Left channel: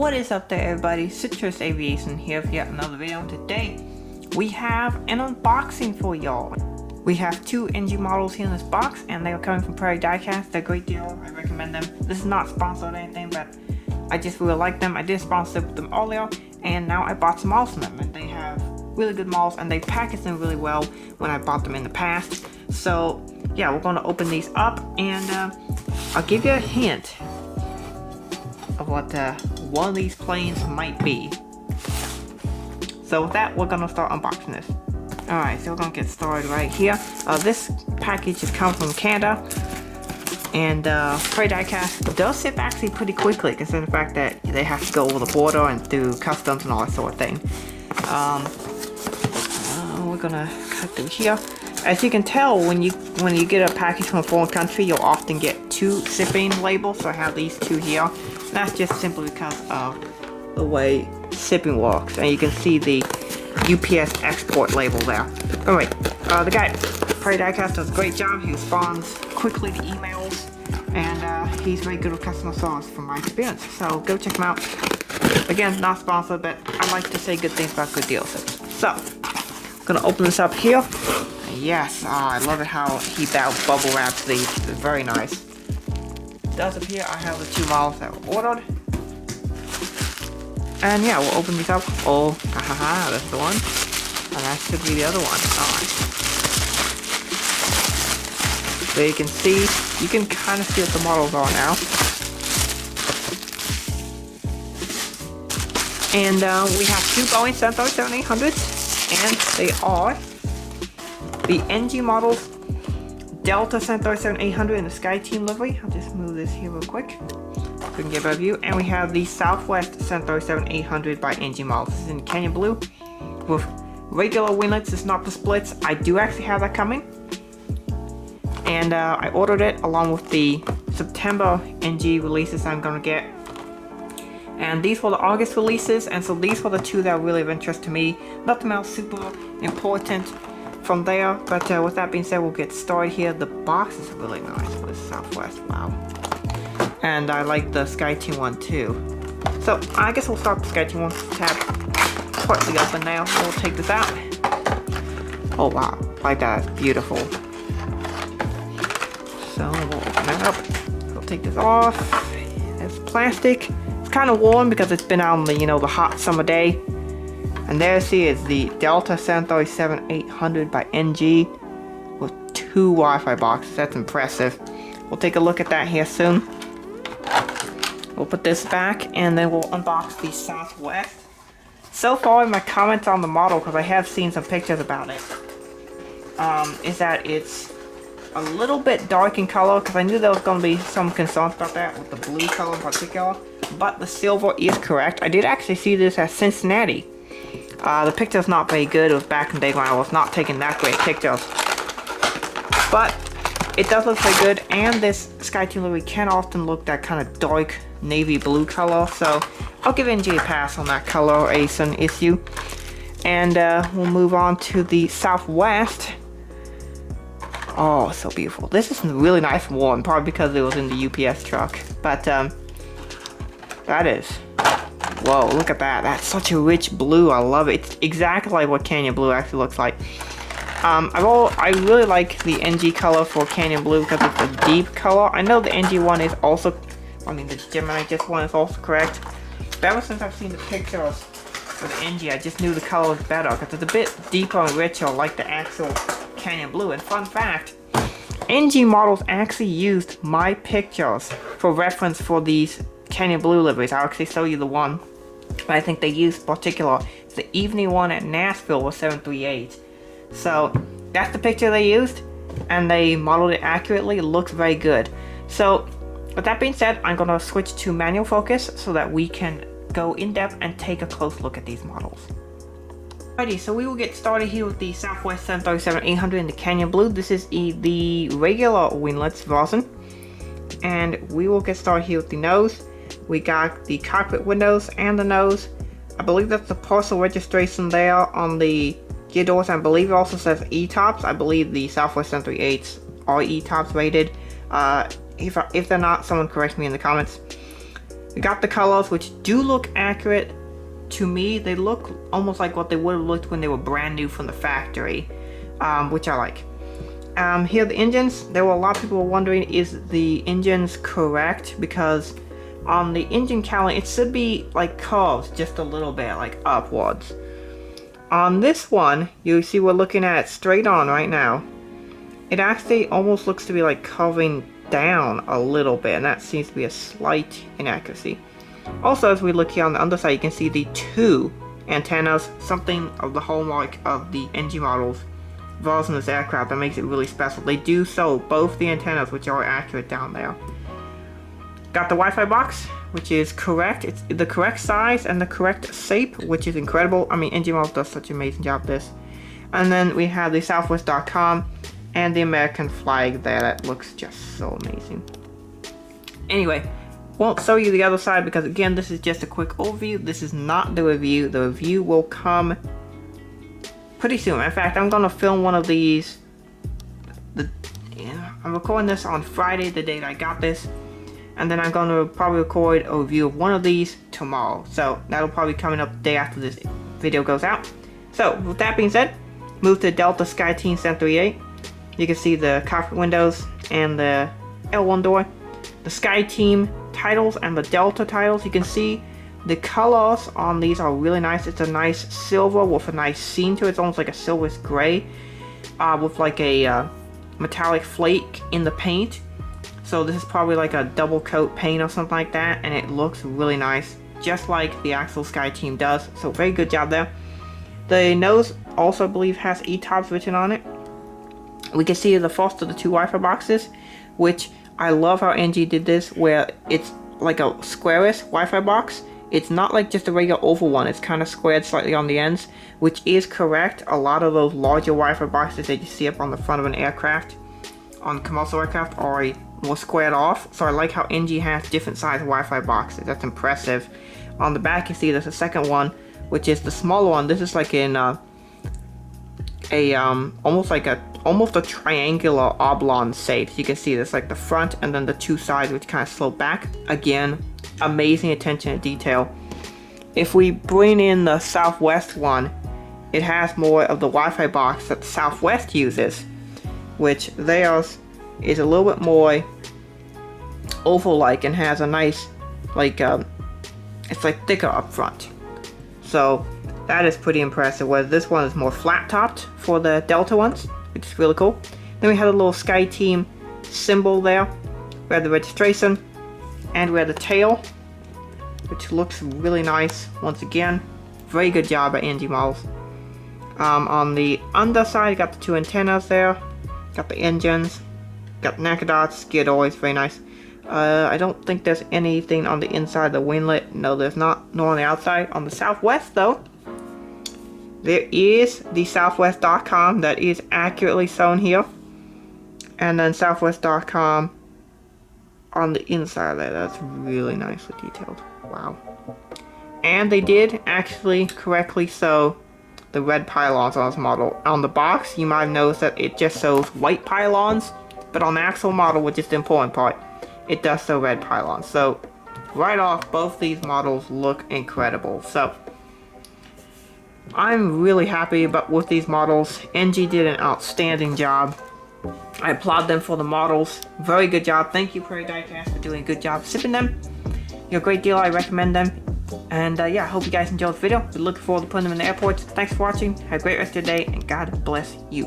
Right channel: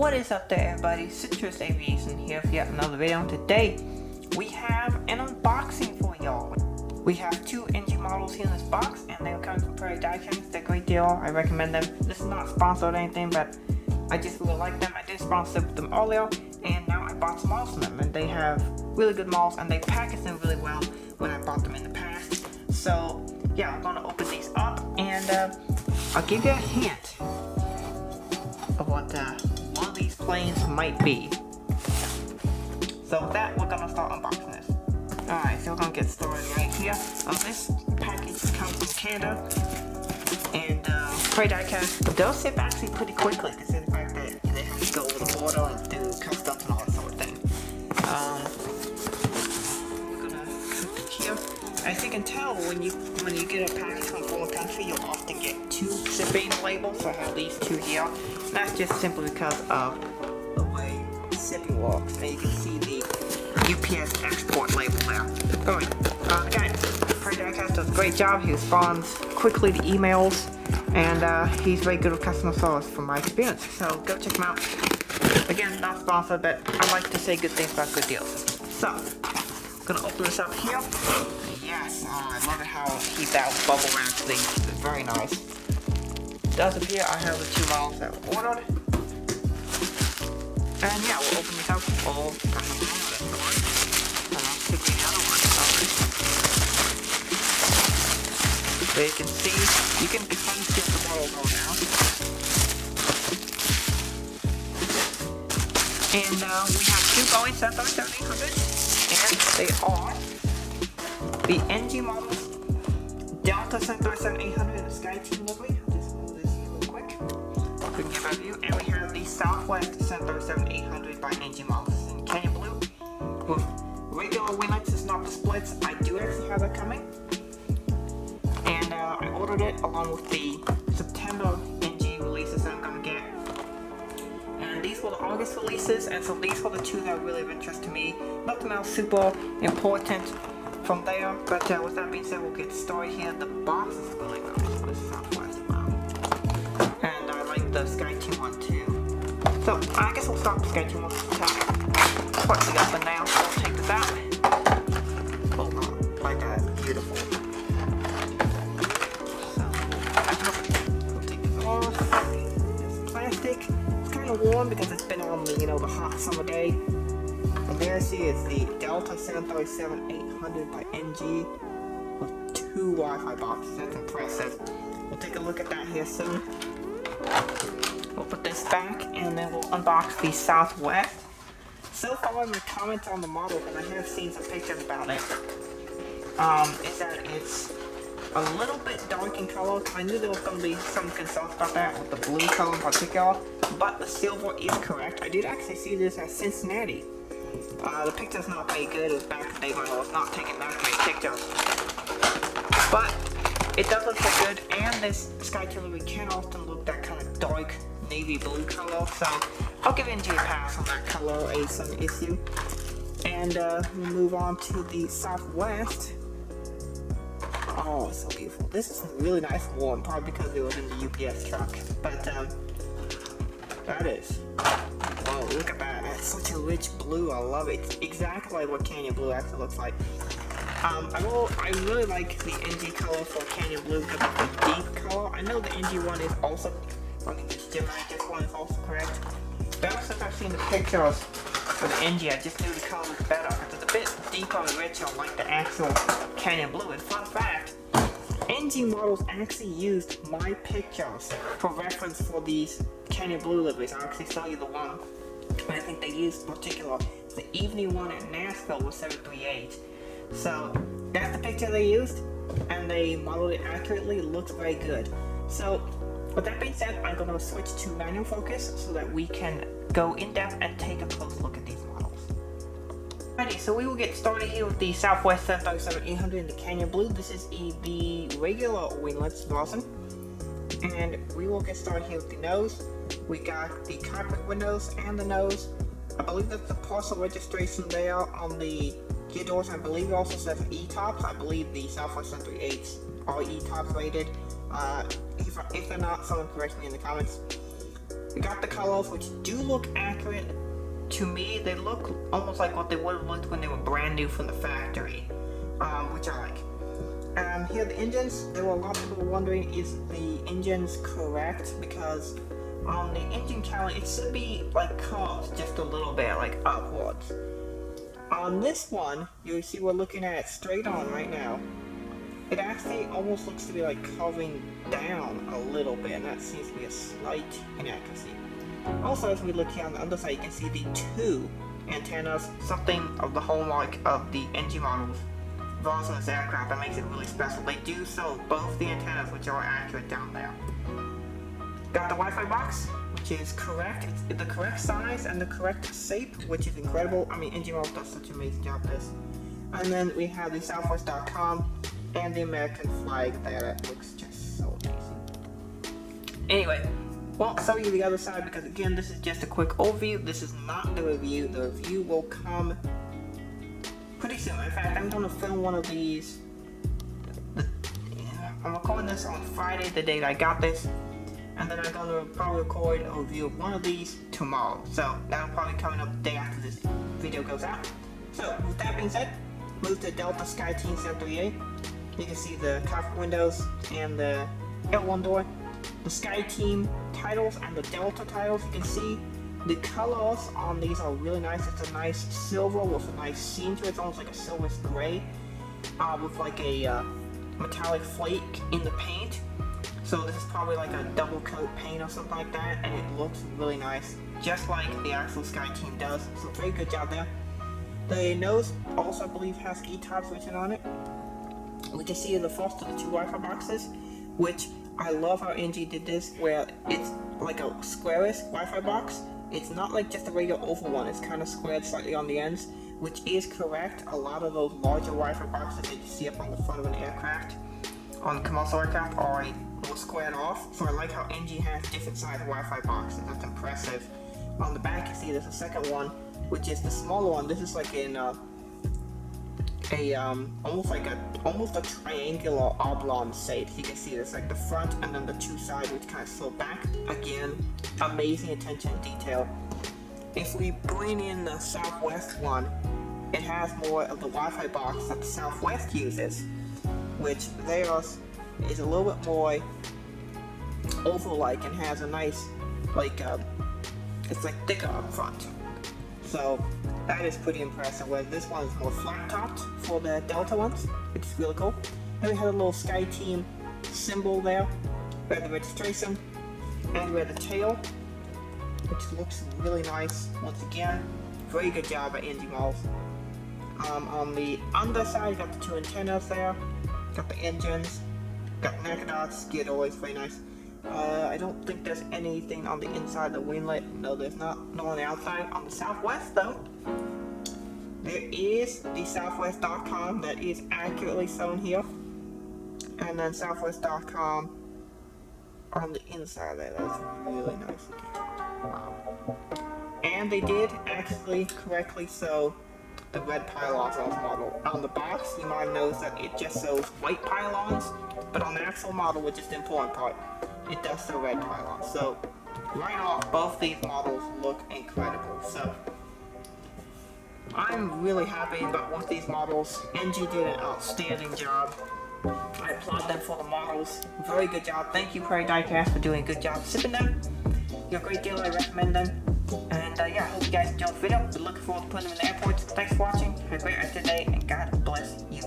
What is up there, everybody? Citrus Aviation here with yet another video. Today we have an unboxing for y'all. We have two NG models here in this box, and they are coming from Prairie Diecast. They're a great deal. I recommend them. This is not sponsored or anything, but I just really like them. I did sponsor them earlier, and now I bought some models from them, and they have really good models, and they package them really well when I bought them in the past. So yeah, we're gonna open these up, and I'll give you a hint of what one of these planes might be. So with that, we're gonna start unboxing this. Alright, so we're gonna get started right here. This package is coming from Canada, and Prairie Diecast does ship actually pretty quickly, considering the fact that they have to go over the border and do customs and all that sort of thing. We're gonna cut through here. As you can tell, when you get a package from a foreign country, you'll often get two shipping labels. So I have these two here. And that's just simply because of the way shipping works. And you can see the UPS export label there. Alright, the guy, Prairie Diecast, does a great job. He responds quickly to emails, and he's very good with customer service from my experience. So go check him out. Again, not sponsored, but I like to say good things about good deals. So, I'm gonna open this up here. Yes, I love it how he bubble wraps these. It's very nice. It does appear I have the two models that were ordered. And yeah, we'll open these up. Oh, this is the one. And that should be the other one. Alright. So you can see, you can kind of see what the models are now. And we have two Boeing 737-800s, and they are the NG models, Delta 737-800 in the Skyteam livery. I'll just move this here real quick so we can get a view. And we have the Southwest 737-800 by NG models. This is in Canyon Blue with regular winglets. It's not the splits. I do actually have that coming. And I ordered it along with the September NG releases I'm going to get. And these were the August releases, and so these were the two that are really of interest to me. Nothing else super important from there, but with that being said, we'll get started here. The box is really nice for the Southwest, wow. And I like the Skyteam one too. So I guess we'll start with the Skyteam one. Tab partly open now, so we'll take this out. Oh wow, like that, beautiful. So we'll open that up. We'll take this off. It's plastic. It's kind of warm because it's been out on the, the hot summer day. And there you see is the Delta 737-800 by NG with two Wi-Fi boxes. That's impressive. We'll take a look at that here soon. We'll put this back, and then we'll unbox the Southwest. So far in my comments on the model, because I have seen some pictures about it, is that it's a little bit dark in color, because I knew there was going to be some concerns about that with the blue color in particular, but the silver is correct. I did actually see this at Cincinnati. The picture's not very good. It was back in the day when I was not taking that great pictures. But it does look very good, and this Skyteam livery can often look that kind of dark navy blue color, so I'll give NG a pass on that coloration issue. And we'll move on to the Southwest. Oh, so beautiful. This is a really nice one, probably because it was in the UPS truck, but that is... Whoa, look at that. That's such a rich blue. I love it. It's exactly like what Canyon Blue actually looks like. I really like the NG color for Canyon Blue because it's a deep color. I know the NG one is also, the Gemini just one is also correct. But ever since I've seen the pictures for the NG, I just knew the color was better because it's a bit deeper and richer like the actual Canyon Blue. And fun fact, NG models actually used my pictures for reference for these Canyon Blue liveries. I'll actually show you the one I think they used particular. It's the evening one at Nashville with 738. So that's the picture they used, and they modeled it accurately. It looks very good. So with that being said, I'm gonna switch to manual focus so that we can go in depth and take a close look at these models. Alrighty, so we will get started here with the Southwest 737-800 in the Canyon Blue. This is the regular winglets version, and we will get started here with the nose. We got the cockpit windows and the nose. I believe that's the parcel registration there on the gear doors. I believe it also says E-tops. I believe the Southwest 738s are E-tops rated. If they're not, someone correct me in the comments. We got the colors, which do look accurate to me. They look almost like what they would have looked when they were brand new from the factory, which I like. Here are the engines. There were a lot of people wondering, is the engines correct? Because on the engine cowling, it should be like curves just a little bit, like upwards. On this one, you see we're looking at straight on right now. It actually almost looks to be like curving down a little bit, and that seems to be a slight inaccuracy. Also, as we look here on the underside, you can see the two antennas, something of the hallmark of the NG models involved in this aircraft that makes it really special. They do show both the antennas, which are accurate down there. Got the Wi-Fi box, which is correct. It's the correct size and the correct shape, which is incredible. I mean, NG models does such an amazing job with this. And then we have the Southwest.com and the American flag there. That looks just so amazing. Anyway, won't show you the other side because again, this is just a quick overview. This is not the review. The review will come pretty soon. In fact, I'm gonna film one of these. I'm recording this on Friday, the day that I got this, and then I'm gonna probably record a review of one of these tomorrow. So that'll probably be coming up the day after this video goes out. So with that being said, move to Delta Skyteam 738. You can see the cockpit windows and the L1 door, the Skyteam titles and the Delta titles. You can see the colors on these are really nice. It's a nice silver with a nice sheen to it. It's almost like a silverish gray with like a metallic flake in the paint. So this is probably like a double coat paint or something like that, and it looks really nice, just like the actual Skyteam does. So very good job there. The nose also, I believe, has ETOPS written on it. We can see the first of the two Wi-Fi boxes, which I love how NG did this, where it's like a squarish Wi-Fi box. It's not like just a regular oval one. It's kind of squared slightly on the ends, which is correct. A lot of those larger Wi-Fi boxes that you see up on the front of an aircraft, on commercial aircraft, are more squared off. So I like how NG has different size Wi-Fi boxes. That's impressive. On the back, you see there's a second one, which is the smaller one. This is like in almost a triangular oblong shape. You can see this like the front and then the two sides, which kind of slope back. Again, amazing attention to detail. If we bring in the Southwest one, it has more of the Wi-Fi box that the Southwest uses, which theirs is a little bit more oval-like and has a nice, like, it's like thicker up front. So that is pretty impressive, where this one is more flat-topped for the Delta ones, which is really cool. Then we have a little Skyteam symbol there. We have the registration, and we have the tail, which looks really nice. Once again, very good job by NG models. On the underside, you got the two antennas there, got the engines, got the NACA dots, gear doors, very nice. I don't think there's anything on the inside of the winglet. No, there's not. Nor on the outside. On the Southwest, though, there is the Southwest.com that is accurately shown here. And then Southwest.com on the inside there. That's really nicely detailed. Wow. And they did actually correctly show the red pylons on this model. On the box, you might have noticed that it just shows white pylons, but on the actual model, which is the important part, it does show red pylons. So right off, both these models look incredible. So I'm really happy with these models. NG did an outstanding job. I applaud them for the models. Very good job. Thank you, Prairie Diecast, for doing a good job shipping them. You're a great deal. I recommend them. And yeah, I hope you guys enjoyed the video. We're looking forward to putting them in the airports. Thanks for watching. Have a great rest of your day, and God bless you.